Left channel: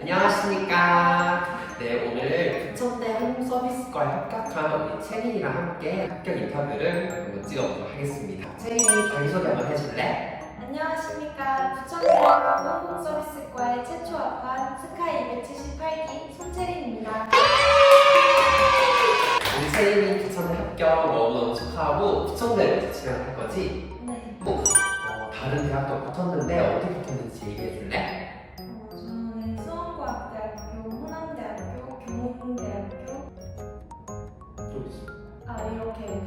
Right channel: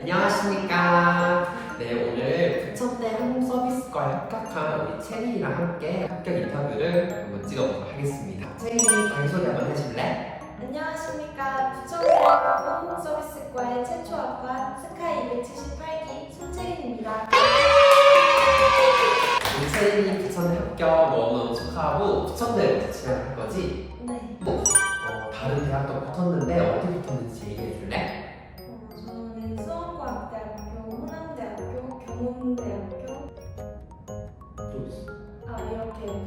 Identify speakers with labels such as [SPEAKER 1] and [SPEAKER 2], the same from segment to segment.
[SPEAKER 1] 안녕하십니까. 네, 오늘 부천대 한국서비스과에 합격한 우리 채린이랑 함께 합격 인터뷰를 한번 찍어보도록 하겠습니다. 채린이 자기소개 한번 해줄래?
[SPEAKER 2] 안녕하십니까. 부천대학교 한국서비스과의 최초 학과 스카이 278기 손채린입니다.
[SPEAKER 1] 우리 채린이 부천대 합격 너무너무 축하하고 부천대로 진학할 거지?
[SPEAKER 2] 네.
[SPEAKER 1] 어, 다른 대학도 붙었는데 어디 붙었는지 얘기해줄래?
[SPEAKER 2] 경운대학교,
[SPEAKER 1] 또 있어.
[SPEAKER 2] 아 이렇게.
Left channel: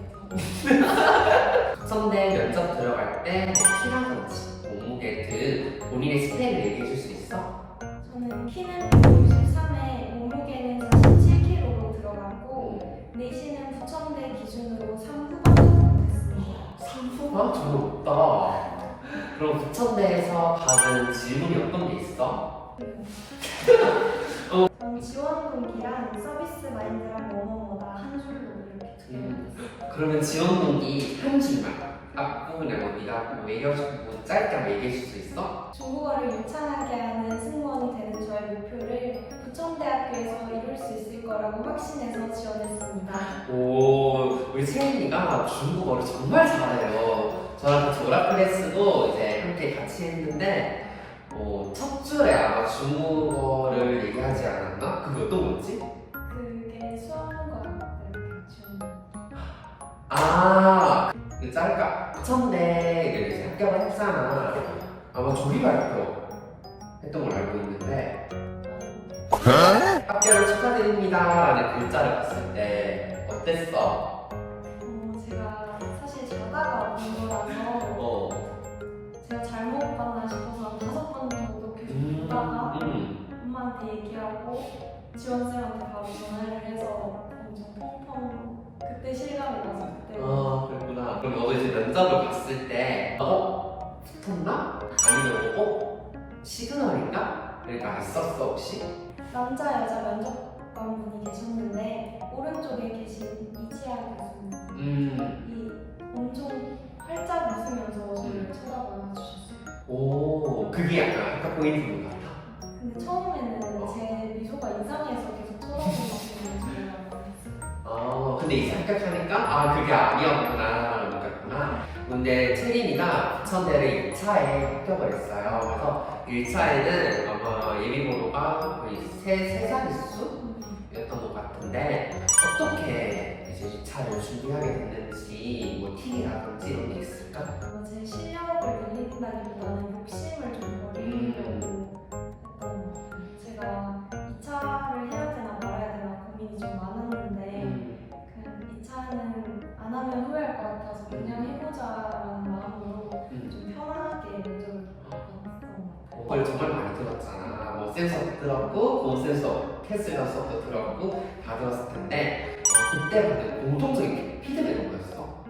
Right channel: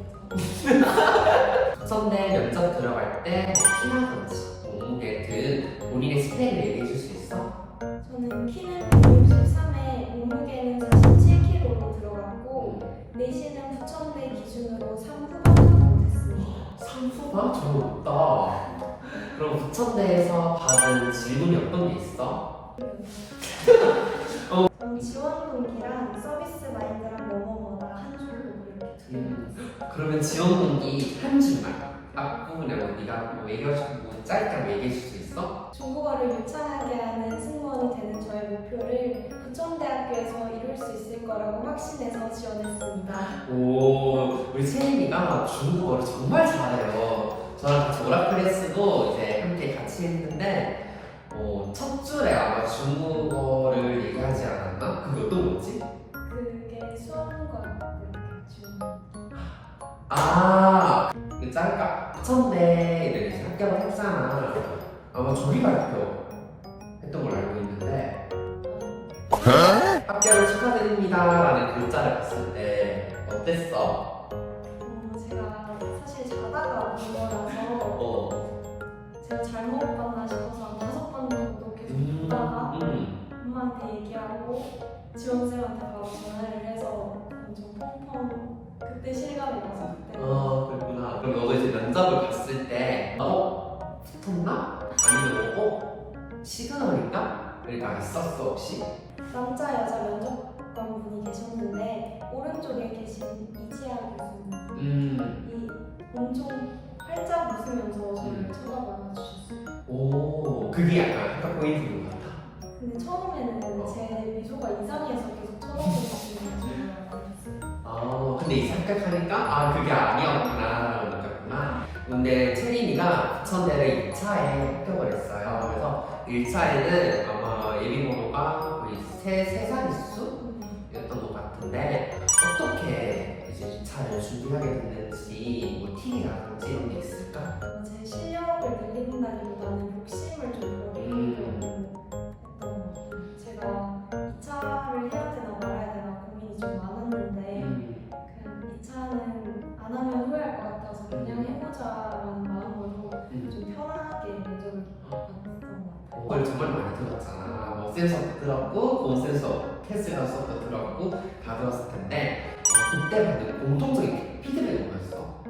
[SPEAKER 1] 부천대 면접 들어갈 때 키라든지 몸무게 등 본인의 스펙을 얘기해 줄 수 있어?
[SPEAKER 2] 저는 키는 163에 몸무게는 47kg로 들어갔고 내신은 부천대 기준으로 3후반 정도 됐습니다.
[SPEAKER 1] 상품은 별로 없다. 그럼 부천대에서 받은 질문이 어떤 게 있어?
[SPEAKER 2] 전 지원 동기랑 서비스 마인드랑 뭐뭐뭐다 한 줄로 이렇게 두 개.
[SPEAKER 1] 음, 그러면 지원 동기 한 줄만 앞부분에 얘기하고 뭐 짧게 한번 얘기해 줄수 있어?
[SPEAKER 2] 중국어를 유창하게 하는 승무원이 되는 저의 목표를 부천대학교에서 이룰 수 있을 거라고 확신해서 지원했습니다.
[SPEAKER 1] 오, 우리 채린이가 중국어를 정말 잘해요. 저랑 같이 오라클레스도 이제 함께 같이 했는데 어, 첫 줄에 중국어를 얘기하지 않았나? 그게 어떤 거였지?
[SPEAKER 2] 그게 수험과학대학교 지원.
[SPEAKER 1] 아, 그 짤까 부천대를 이제 합격을 했잖아. 아마 조리 발표 했던 걸로 알고 있는데 합격을 축하드립니다라는 글자를 봤을 때 어땠어?
[SPEAKER 2] 어, 제가 사실 자다가 본 거라서
[SPEAKER 1] 어,
[SPEAKER 2] 제가 잘못 봤나 싶어서 엄마한테 얘기하고 지원쌤한테 바로 전화를 해서 엄청 펑펑 그때 실감이 나서 그때
[SPEAKER 1] 아, 그랬구나. 그럼 너도 이제 면접을 봤을 때 어? 붙었나? 아니면 어? 시그널인가? 그러니까 있었어 혹시?
[SPEAKER 2] 남자 여자 면접관 분이 계셨는데 오른쪽에 계신 이지아 교수님
[SPEAKER 1] 음,
[SPEAKER 2] 이 엄청 활짝 웃으면서 저를 쳐다봐 주셨어요.
[SPEAKER 1] 오, 그게 약간 합격 포인트인 것 같아.
[SPEAKER 2] 근데 처음에는 제 미소가 이상해서 계속 알았어요.
[SPEAKER 1] 아, 근데 이제 합격하니까 아 그게 아니었구나 느꼈구나. 근데 채린이가 부천대를 2차에 합격을 했어요. 그래서 1차에는 아마 예비번호가 거의 세, 세 자릿수였던 것 같은데 어떻게 이제 2차를 준비하게 됐는지 뭐 팁이라든지 이런 게 있을까?
[SPEAKER 2] 어, 제 실력을 늘린다기보다는 욕심을
[SPEAKER 1] 걸 정말 많이 들었잖아. 뭐 센서 들었고, 본 센서, 패스가 수업도 들었고 다 들었을 텐데 어, 그때 받은 공통적인 피드백이 뭐였어?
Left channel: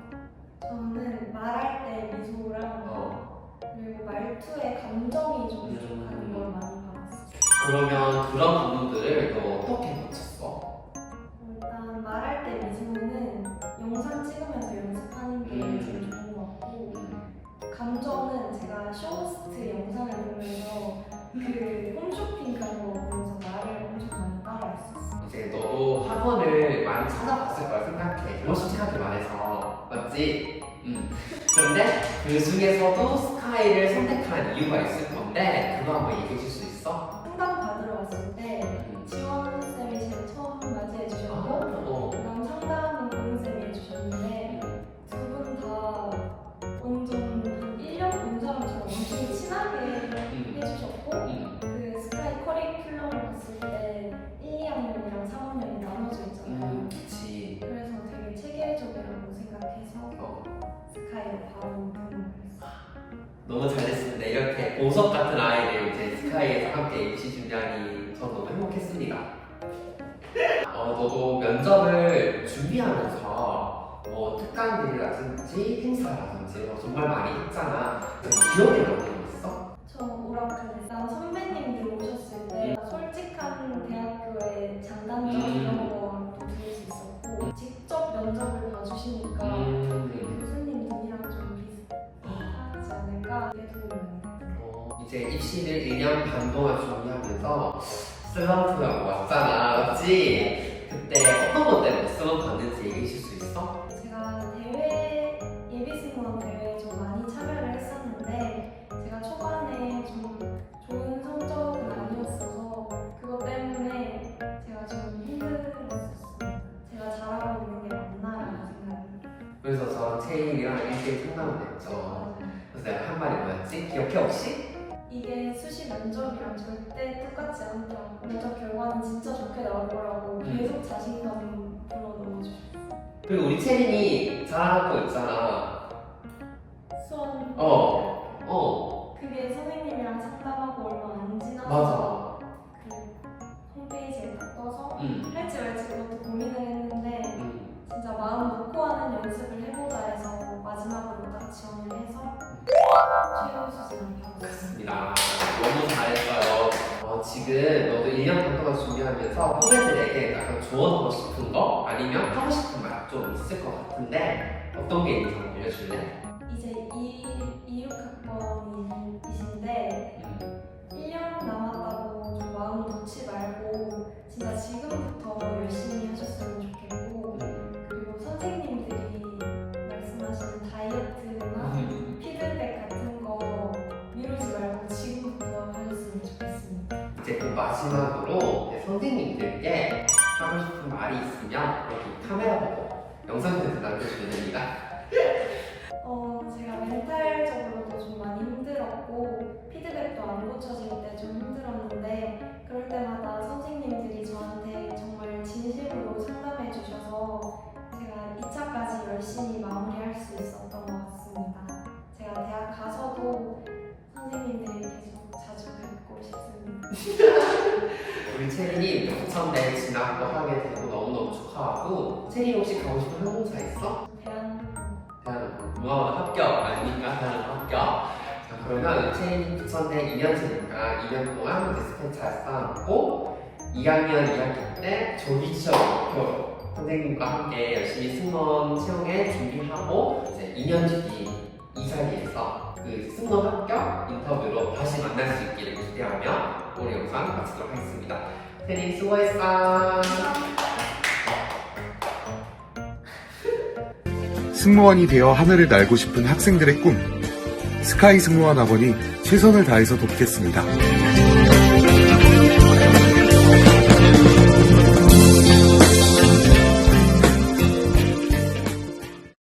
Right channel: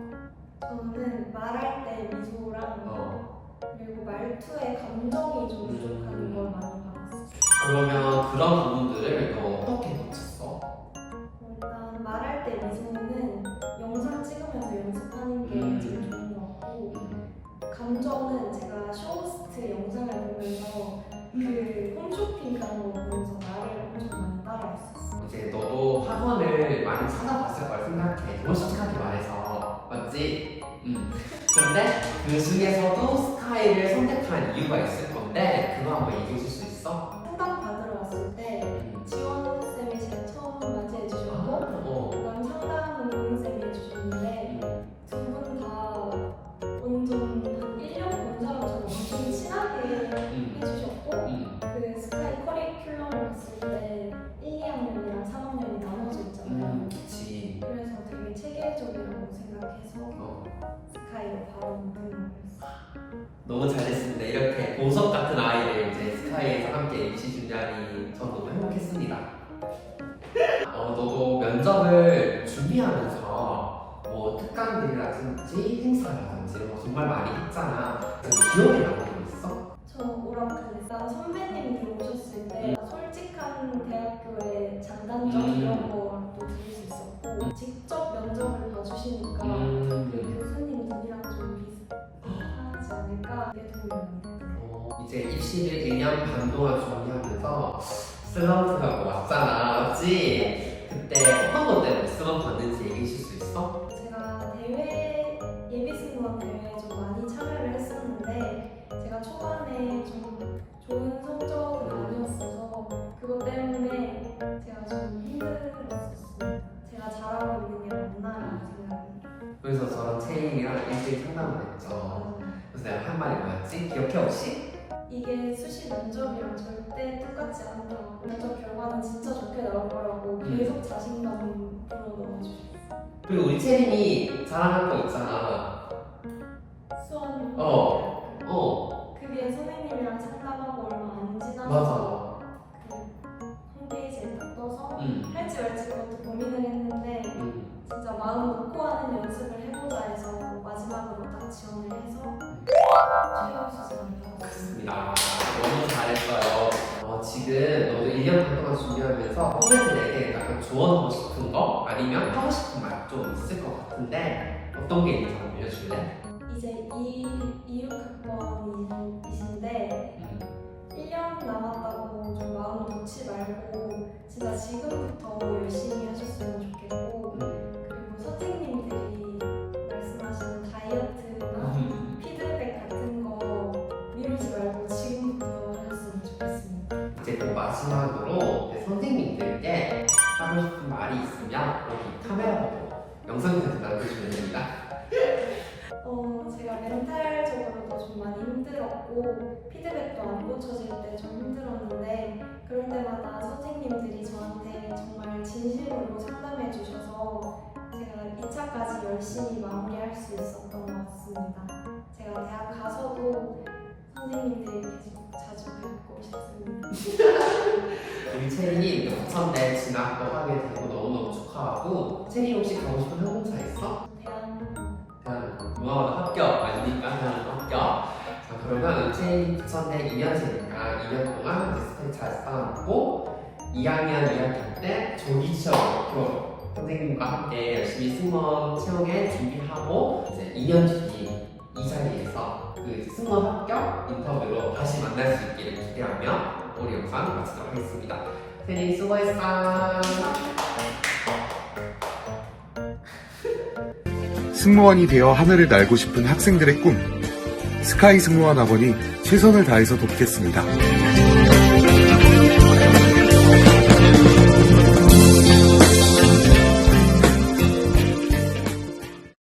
[SPEAKER 2] 저는 말할 때 미소랑
[SPEAKER 1] 어.
[SPEAKER 2] 그리고 말투에 감정이 좀 부족한 걸 많이 받았어요.
[SPEAKER 1] 그러면 그런 부분들을 너 어떻게 고쳤어?
[SPEAKER 2] 일단 말할 때 미소는 영상 찍으면서 연습하는 게
[SPEAKER 1] 음.
[SPEAKER 2] 제일 좋은 것 같고 감정은 제가 쇼
[SPEAKER 1] 이제 너도 학원을 많이 찾아봤을 거라 생각해. 이런 솔직하게 말해서 맞지? 음. 그런데 그 중에서도 스카이를 선택한 이유가 있을 건데 그거 한번 얘기해 줄 수 있어?
[SPEAKER 2] 상담 받으러 왔을 때
[SPEAKER 1] 너무 잘됐습니다. 이렇게 보석 같은 아이들 이제 스카이에서 함께 MC 준비하니 전 너무 행복했습니다. 어, 너도 면접을 준비하면서 뭐 특강들이라든지 행사라든지 뭐 정말 많이 했잖아. 기억에 남는
[SPEAKER 2] 않을까. 어,
[SPEAKER 1] 이제 입시를 1년 반 동안 준비하면서 슬럼프가 왔잖아, 맞지? 그때 어떤 것 때문에 슬럼프 왔는지 얘기해 줄수 있어?
[SPEAKER 2] 제가 대회 예비 승무원 대회에 좀 많이 참여를
[SPEAKER 1] 한 말이 뭐였지? 기억해 혹시?
[SPEAKER 2] 이게 수시 면접이랑 절대 똑같지 않더라고요. 면접 결과는 진짜 좋게 나올 거라고 계속 자신감 불어넣어 주셨어요.
[SPEAKER 1] 그리고 우리 채인이 자랑할 거 있잖아.
[SPEAKER 2] 수원
[SPEAKER 1] 어. 어,
[SPEAKER 2] 그게 선생님이랑 상담하고 얼마 안 지나서
[SPEAKER 1] 맞아.
[SPEAKER 2] 그 홈페이지에 딱 떠서
[SPEAKER 1] 응.
[SPEAKER 2] 할지 말지 그것도 고민을 했는데
[SPEAKER 1] 응.
[SPEAKER 2] 진짜 마음 놓고 하는 연습을 해보자 해서 마지막으로 딱 지원을 해서
[SPEAKER 1] 맞습니다. 너무 잘했어요. 어, 지금 너도 1년 반 동안 준비하면서 후배들에게 약간 조언하고 싶은 거 아니면 하고 싶은 말 좀 있을 것 같은데 어떤 게 있는지 한번 알려줄래?
[SPEAKER 2] 이제 2, 26학번이신데 1년 남았다고 좀 마음 놓지 말고 진짜 지금부터 열심히 하셨으면 좋겠고 그리고 선생님들이 말씀하시는 다이어트
[SPEAKER 1] 마지막으로 선생님들께 하고 싶은 말이 있으면 여기 카메라 보고 영상 편지 남겨주면 됩니다.
[SPEAKER 2] 어, 제가 멘탈적으로도 좀 많이 힘들었고 피드백도 안 고쳐질 때 좀 힘들었는데 그럴 때마다 선생님들이 저한테 정말 진심으로 상담해 주셔서 제가 2차까지 열심히 마무리할 수 있었던 것 같습니
[SPEAKER 1] 영천대 진학도 하게 되고 너무너무 축하하고 채린이 혹시 가고 싶은 항공사 있어?
[SPEAKER 2] 대한
[SPEAKER 1] 대한항공 합격 아니니까 대한항공 합격 자 그러면 채린 부천대 2년생이니까 2년 동안 스펙 잘 쌓아놓고 2학년 2학기 때 조기 시험 목표 선생님과 함께 열심히 승무원 채용에 준비하고 이제 2년 뒤 이 자리에서 그 승무원 합격 인터뷰로 다시 만날 수 있기를 기대하며 오늘 영상 마치도록 하겠습니다. 세린 수고했어.
[SPEAKER 3] 승무원이 되어 하늘을 날고 싶은 학생들의 꿈. 스카이 승무원 학원이 최선을 다해서 돕겠습니다.